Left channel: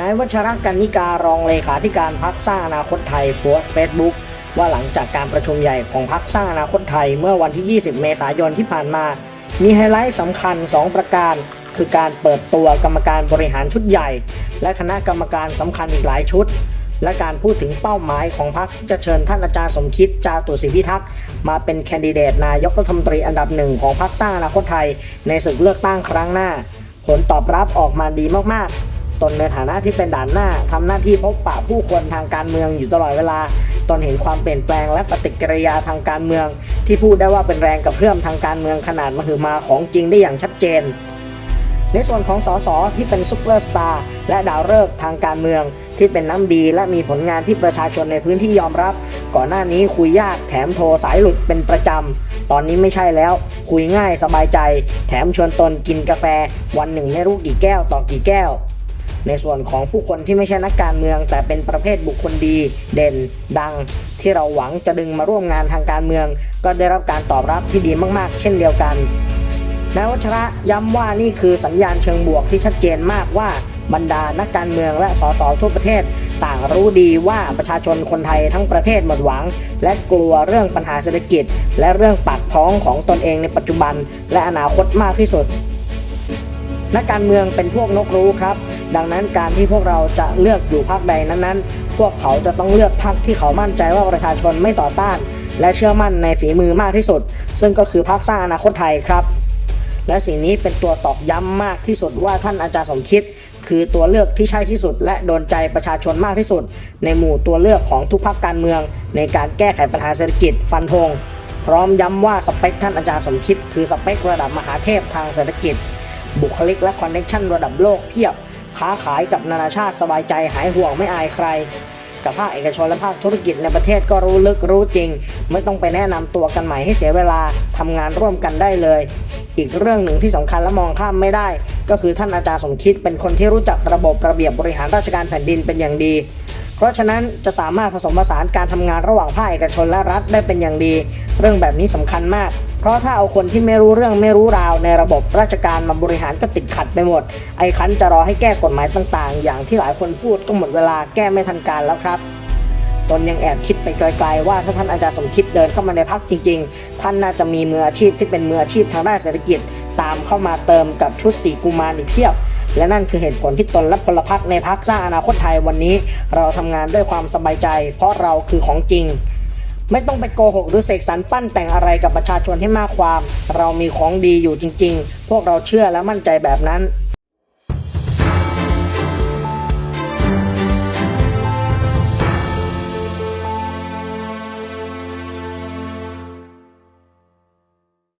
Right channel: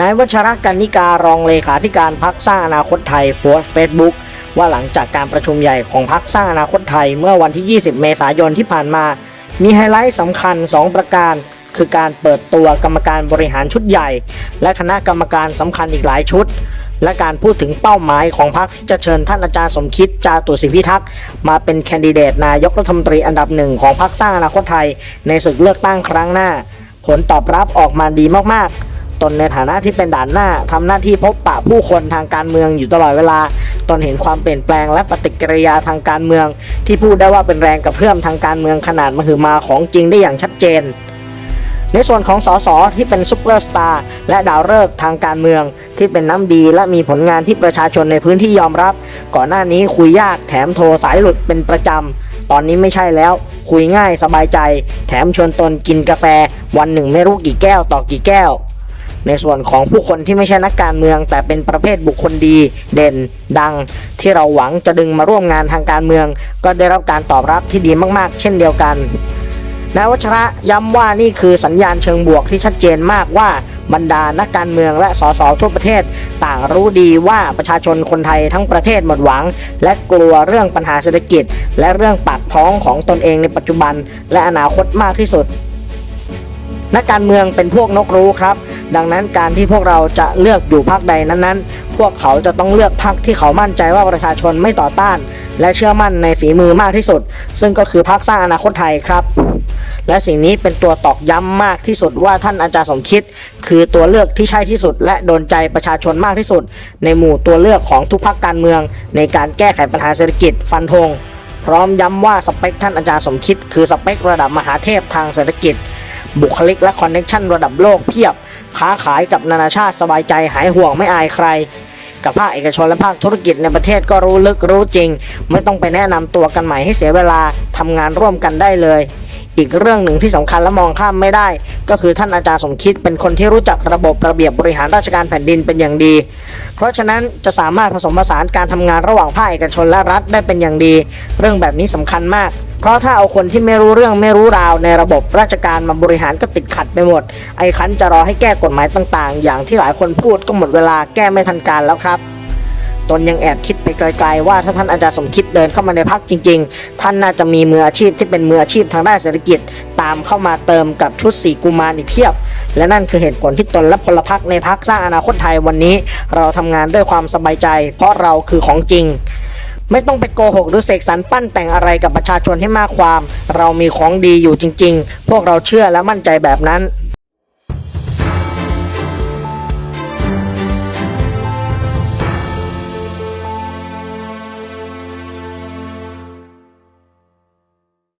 นายวัชรกันนิการองเลขาธิการพักสร้างอนาคตไทยโพสต์เฟซบุ๊กว่าหลังจากการประชุมใหญ่ของพักสร้างอนาคตไทยเมื่อวันที่ 20 เมษายนที่ผ่านมา มีไฮไลท์สำคัญ 2 ประการ คือการเปิดตัวกรรมการบริหารชุดใหญ่ และคณะกรรมการสำคัญอีกหลายชุด และการพูดถึงเป้าหมายของพรรคที่จะเชิญท่านอาจารย์สมคิดจาตุศรีพิทักษ์มาเป็นแคนดิเดตนายกรัฐมนตรีอันดับหนึ่งของพรรคสร้างอนาคตไทย ในศึกเลือกตั้งครั้งหน้า ผลตอบรับออกมาดีมากๆ ตนในฐานะที่เป็นด่านหน้าทำหน้าที่พบปะผู้คนทางการเมืองอยู่ตลอดเวลา ตนเห็นความเปลี่ยนแปลงและปฏิกิริยาทางการเมือง ที่พูดได้ว่าเป็นแรงกระเพื่อมทางการเมืองขนาดมหึมาของจริงได้อย่างชัดเจน ในส่วนของสสที่เป็นซุปเปอร์สตาร์และดาวฤกษ์ทางการเมือง ที่เป็นน้ำดีและมีผลงานที่ประชาชนในพื้นที่ยอมรับ ก่อนหน้านี้คุยยากแถมโทรสายหลุดเป็นประจำตอนนี้ไม่ใช่แล้ว คุยง่ายสบายใจ แถมชวนตนกินกาแฟ วันหนึ่งไม่รู้กี่แก้วต่อกี่แก้ว ในส่วนของผู้คนที่ไม่ใช่นักการเมือง แต่เป็นประเภทบุคคลดีเด่น ดัง ที่เราหวังจะดึงมาร่วมงานทางการเมือง ก็ได้รับการตอบรับที่ดีมากๆ เช่นเดียวกันนายวัชระย้ำว่านี่คือสัญญาณเชิงบวกที่ชัดเจนมากว่าบรรดานักการเมืองและสสทั่วประเทศ ต่างรู้ดีว่าประชาชนคนไทยทั้งประเทศหมดหวัง และกลัวเรื่องปัญหาเศรษฐกิจ และเรื่องปากท้องของตนเองในปัจจุบัน และอนาคตมากที่สุด นักการเมืองเป็นพวกนกรู้ครับ ดังนั้นการที่พวกเราจะเลือกอยู่พรรคใดนั้นๆ พวกเขาจะต้องเลือกพรรคที่เขามั่นใจว่าประชาชนไม่ต่อต้าน และเชื่อมั่นในฝีมือมากที่สุด ซึ่งก็คือพรรคสร้างอนาคตไทยครับ และสิ่งนี้เป็นตัวตอกย้ำมากที่สุดว่าท่านอาจารย์สมคิด คือตัวเลือกที่ใช่ที่สุด และโดนใจประชาชนมากที่สุด ในหมู่ตัวเลือกของทุกพรรคการเมือง ในการแก้ไขปัญหาเศรษฐกิจฟันธงพร้อมย้ำว่าสเปคท่านอาจารย์สมคิด คือสเปคระดับมหาเทพทางเศรษฐกิจ บุคลิกและคอนเน็ชันระดับโลกเพียบ ค้าขายกับนานาชาติสบายใจหายห่วงไม่อายใคร กับภาคเอกชนและภาคธุรกิจในประเทศก็รู้ลึกรู้จริง ไม่ต้องไปแนะนำตัวกันใหม่ให้เสียเวลาทำงานร่วมกันได้เลย อีกเรื่องหนึ่งที่สำคัญและมองข้ามไม่ได้ ก็คือท่านอาจารย์สมคิดเป็นคนที่รู้จักระบบระเบียบบริหารราชการแผ่นดินเป็นอย่างดี เพราะฉะนั้นจะสามารถผสมผสานการทำงานระหว่างภาคเอกชนและรัฐได้เป็นอย่างดี เรื่องแบบนี้สำคัญมาก เพราะถ้าเอาคนที่ไม่รู้เรื่องไม่รู้ราวในระบบราชการมาบริหารก็ติดขัดไปหมด ไอ้คันจะรอให้แก้กฎหมายต่าง ๆ อย่างที่หลายคนพูดก็หมดเวลาแก้ไม่ทันการแล้วครับ ตนยังแอบคิดไปไกลๆว่าถ้าท่านอาจารย์สมคิดเดินเข้ามาในพักจริง ๆ ท่านน่าจะมีมืออาชีพที่เป็นมืออาชีพทางด้านเศรษฐกิจ ตามเข้ามาเติมกับชุดสีกุมารอีกเพียบ และนั่นคือเหตุผลที่ตนและพลพรรคในพักสร้างอนาคตไทยวันนี้ เราทำงานด้วยความสบายใจ เพราะเราคือของจริงไม่ต้องไปโกหกหรือเสกสรรปั้นแต่งอะไรกับประชาชนให้มากความ เรามีของดีอยู่จริง ๆ พวกเราเชื่อและมั่นใจแบบนั้น